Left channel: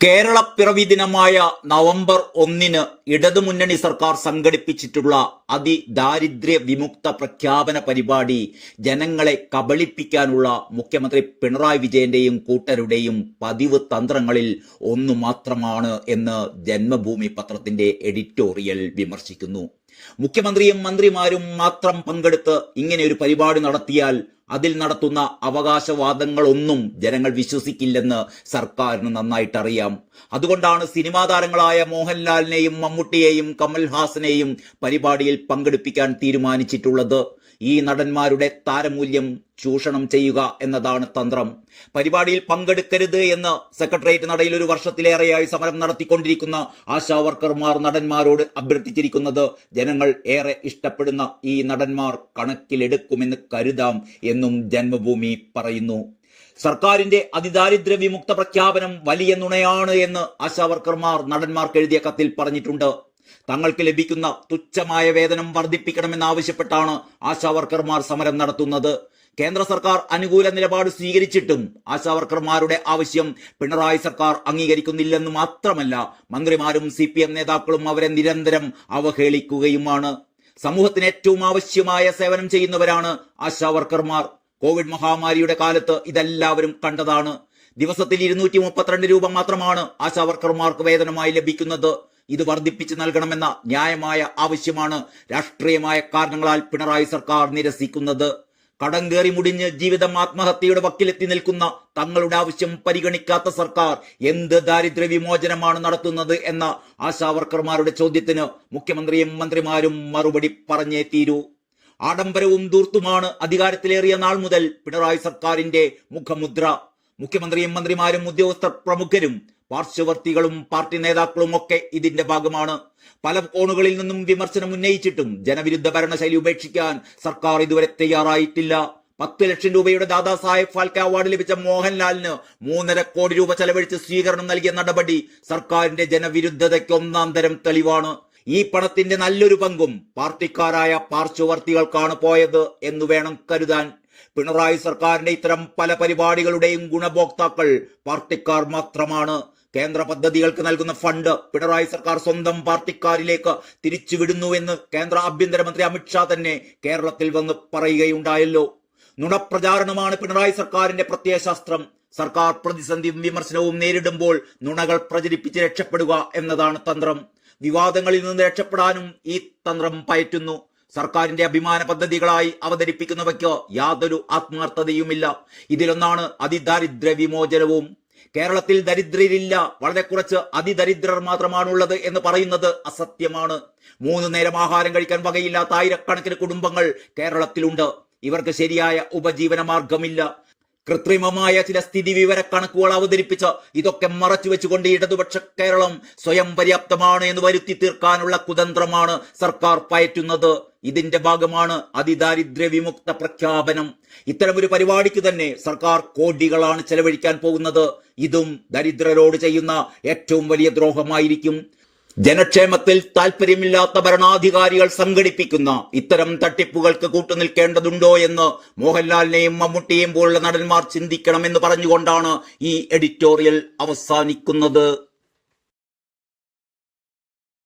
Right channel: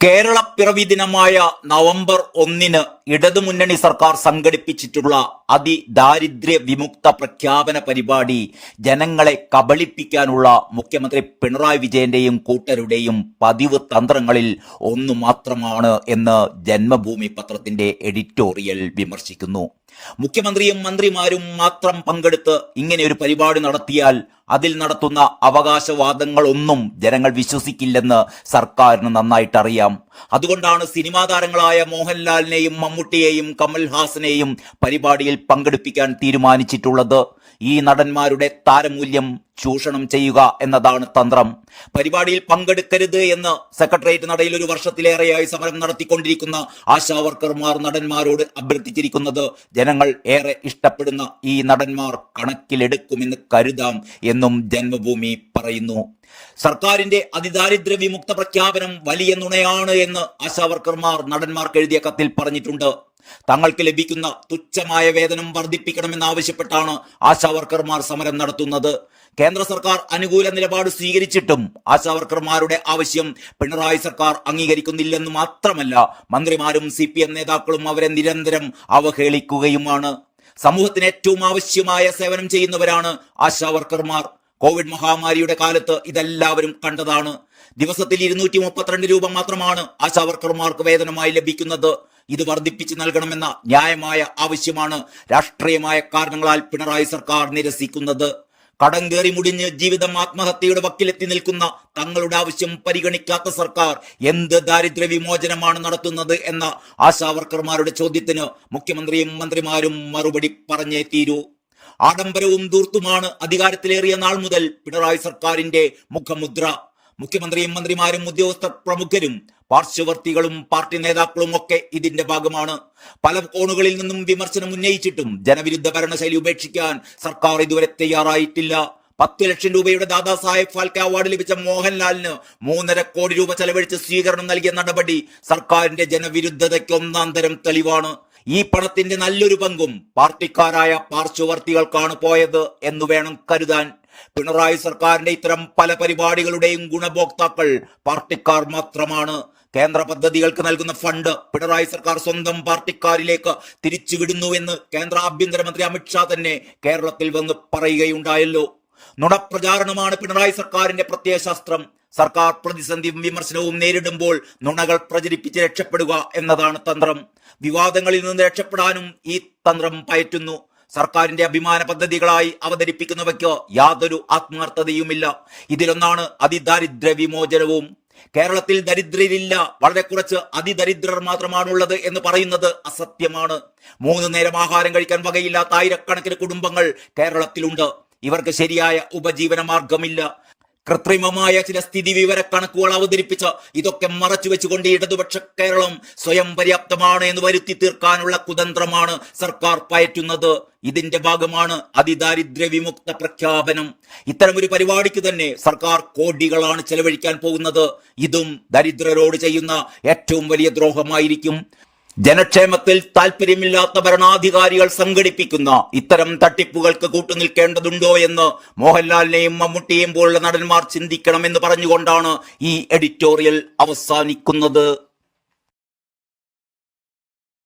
കേരള പിറവി ദിനമായ നവംബർ ഒന്നിന് ഇടതുമുന്നണി സർക്കാർ സംഘടിപ്പിച്ചിട്ടുള്ള അതിദാരിദ്ര്യ വിമുക്ത പ്രഖ്യാപന പരിപാടി ജനങ്ങളെ കബളിപ്പിക്കാനുള്ള മുഖ്യമന്ത്രി പിണറായി വിജയന്റെയും കൂട്ടരുടെയും പതിവ് തന്ത്രങ്ങളിൽ ഒന്നു മാത്രമാണ് എന്ന് ജന്മഭൂമി പത്രത്തിന്റെ എഡിറ്റോറിയൽ വിമർശിക്കുന്നു. മുഖ്യമന്ത്രിയും മന്ത്രിമാരും മാത്രം പങ്കെടുത്ത് ഇങ്ങനെ ഒരു പരിപാടി നടത്തിയാൽ അതിൽ നടത്തുന്ന അവകാശവാദങ്ങളൊന്നും ജനങ്ങൾ വിശ്വസിക്കില്ലെന്ന് സർക്കാരിന് നന്നായിട്ട് അറിയാം അതുകൊണ്ടാണ് സിനിമാ താരങ്ങളായ മോഹൻലാലിനെയും മമ്മൂട്ടിയെയും കമൽഹാസനെയും പരിപാടിയിൽ പങ്കെടുപ്പിക്കാൻ തീരുമാനിച്ചിട്ടുള്ളത്. ഈ നടന്മാരുടെ താരമൂല്യം ചൂഷണം ചെയ്യുക എന്നതാണ് തന്ത്രം. പരിപാടിയിൽ പങ്കെടുക്കരുത് എന്ന് സെക്രട്ടേറിയറ്റ് നടയിൽ ഒരു വർഷത്തിലേറെയായി സമരം നടത്തിക്കൊണ്ടിരിക്കുന്ന ആശാ വർക്കർമാർ നടന്മാരോട് അഭ്യർത്ഥിച്ചിരിക്കുന്നത് ജനങ്ങൾ ഏറെ ഇഷ്ടപ്പെടുന്ന ഈ നടന്മാർ കണക്കിലെടുക്കുമെന്ന് കരുതാം എന്നും ജന്മഭൂമി പറയുന്നു. സർക്കാരിന്റെ അതിദാരിദ്ര്യ വിമുക്ത പ്രഖ്യാപനം വലിയ നുണയാണ് എന്ന് ആശാവർക്കർമാർ നടന്മാർക്ക് എഴുതിയ കത്തിൽ പറഞ്ഞിട്ടുണ്ട്. തങ്ങൾക്ക് ലഭിക്കുന്ന തുച്ഛമായ വേതനം വർദ്ധിപ്പിക്കണമെന്നാവശ്യപ്പെട്ടാണ് ആശാവർക്കർമാർ സമരം നടത്തുന്നത്. കേന്ദ്ര സർക്കാർ അനുകൂല നിലപാട് സ്വീകരിച്ചിട്ടും ആശാവർക്കർമാരുടെ ആവശ്യം പിണറായി സർക്കാർ അംഗീകരിക്കുന്നില്ലെന്ന് മാത്രമല്ല മന്ത്രിമാരും സി നേതാക്കളും അവരെ നിരന്തരം അവഹേളിക്കുകയുമാണ്. സമൂഹത്തിന് ഏറ്റവും ആവശ്യമായ സേവനം ചെയ്യുന്നവരാണ് ആശാവർക്കർമാർ കോവിഡ് മഹാമാരിയുടെ കാലത്ത് ഇതെല്ലാവരും കണ്ടതാണ്. ദിവസത്തിൽ ഇരുന്നൂറ്റി മുപ്പത്തിരണ്ട് രൂപ മാത്രമാണ് ആശാവർക്കർമാർക്ക് വേതനമായി ലഭിക്കുന്നത്. ഇത് വർദ്ധിപ്പിച്ച് നൽകണമെന്ന ന്യായമായ ആവശ്യമാണ് രാഷ്ട്രീയമായ കാരണങ്ങളാൽ പിണറായി സർക്കാർ നിരസിക്കുന്നത്. കടം കയറി മുടിഞ്ഞ് ജീവിതം ആത്മഹത്യയുടെ വക്കിലെത്തി നിൽക്കുന്ന തങ്ങളുടെ ആവശ്യം പരിഗണിക്കാത്ത സർക്കാർ എന്ത് ദാരിദ്ര്യ വിമോചനമാണ് നടത്തുന്നത് എന്ന ആശാവർക്കർമാരുടെ ചോദ്യത്തിന് മുഖ്യമന്ത്രിയും മന്ത്രിമാരും മറുപടി പറഞ്ഞേ തീരൂ. ആഡംബരവും ദൂർത്തുമാണ് അധികാരത്തിലേറിയ നാൾ മുതൽ പിണറായി സർക്കാരിന്റെ മുഖമുദ്ര. മുഖ്യമന്ത്രിയും മന്ത്രിമാരും ഉദ്യോഗസ്ഥ പ്രമുഖരും പാർശ്വവർത്തികളും പാർട്ടി നേതാക്കളും ഒക്കെ ഇതിന്റെ ഭാഗമാണ്. പല കോണുകളിൽ നിന്നും വിമർശനം ഉന്നയിച്ചിട്ടും ജനവിരുദ്ധ ഭരണശൈലി ഉപേക്ഷിക്കാൻ സർക്കാർ ഇതുവരെ തയ്യാറായിട്ടില്ല. പത്ത് ലക്ഷം രൂപയുടെ ദാദാ സാഹേബ് ഫാൽക്കെ അവാർഡ് ലഭിച്ച മോഹൻലാലിന് മൂന്നര കോടി രൂപ ചെലവഴിച്ച് സ്വീകരണം നൽകിയ നടപടി സർക്കാരിന്റെ ജനവിരുദ്ധതയ്ക്ക് ഒന്നാം തരം തെളിവാണ്. ഈ പണത്തിന്റെ നല്ലൊരു പങ്കും പാർട്ടിക്കാരായ പാർശ്വവർത്തികൾക്കാണ് പോയത് എന്ന് വേണം കരുതാൻ. പിണറായി സർക്കാരിന്റെ ഇത്തരം പല പരിപാടികളുടെയും ഗുണഭോക്താക്കൾ പാർട്ടിക്കാർ മാത്രമാണ്. കേന്ദ്ര പദ്ധതികൾക്ക് നൽകുന്ന ഫണ്ട് പിണറായി സർക്കാർ സ്വന്തം പാർട്ടിക്കാരിലേക്ക് തിരിച്ചുവിടുന്നുവെന്ന് കേന്ദ്ര ആഭ്യന്തരമന്ത്രി അമിത്ഷാ തന്നെ കേരളത്തിൽ വന്ന് പറയുകയുണ്ടായല്ലോ. നുണപ്രചാരണമാണ് പിണറായി സർക്കാരിന്റെ പ്രത്യയശാസ്ത്രം സർക്കാർ പ്രതിസന്ധിയും വിമർശനവും നേരിടുമ്പോൾ നുണകൾ പ്രചരിപ്പിച്ച് രക്ഷപ്പെടുക എന്നതാണ് തന്ത്രം. വിവാദങ്ങളിൽ നിന്ന് രക്ഷപ്പെടാനും ഈ തന്ത്രം പയറ്റുന്നു. സർക്കാരിന്റെ അഭിമാന പദ്ധതികളായി അവതരിപ്പിക്കുന്നവയ്ക്ക് യാതൊരു ആത്മാർത്ഥതയുമില്ല. ഇതിലൊന്നാണ് അതിദാരിദ്ര്യ വിമോചനവും. കേരളത്തിൽ ദരിദ്രരില്ല. വളരെ കുറച്ച് അതിദരിദ്രർ മാത്രമാണുള്ളത് എന്ന് പറയുന്നത് അസത്യമാണ്. മൂന്ന് നേരം ആഹാരം കഴിക്കാൻ വകയില്ലാത്ത ആയിരക്കണക്കിന് കുടുംബങ്ങൾ കേരളത്തിലുണ്ട്. ഇവർക്ക് ശരിയായ ഉപജീവന മാർഗമില്ല. കൃത്രിമമായ ചില സ്ഥിതി വിവര കണക്കുകൾ അവതരിപ്പിച്ച് ഇതൊക്കെ മറച്ചു വെച്ചുകൊണ്ട് ഇടതുപക്ഷ കേരളം സ്വയം പര്യാപ്തമാണ് എന്ന് വരുത്തി തീർക്കാനുള്ള കുതന്ത്രമാണ് സർക്കാർ പയറ്റുന്നത്. ഇതിന്റെ ഭാഗമാണ് അതിദാരിദ്ര്യ വിമുക്ത പ്രഖ്യാപനം. ഇത്തരമൊരു പരിപാടിക്ക് തന്നെ സർക്കാർ കോടികളാണ് ചെലവഴിക്കാൻ പോകുന്നത്. ഇതും ദരിദ്രരോട് ചെയ്യുന്ന ഏറ്റവും വലിയ ദ്രോഹമായിരിക്കും. ജനക്ഷേമത്തിൽ താൽപര്യമില്ലാത്ത ഭരണാധികാരികൾ സംഘടിപ്പിക്കുന്ന ഇത്തരം തട്ടിപ്പുകൾക്ക് കൂട്ടുനിൽക്കേണ്ടതുണ്ടോ എന്ന് മോഹൻലാലിനെയും മമ്മൂട്ടിയെയും പോലുള്ള നടന്മാർ ചിന്തിക്കണമെന്ന് പറഞ്ഞുകൊണ്ടാണ് ഈ എഡിറ്റോറിയൽ അവസാനിക്കുന്നത്.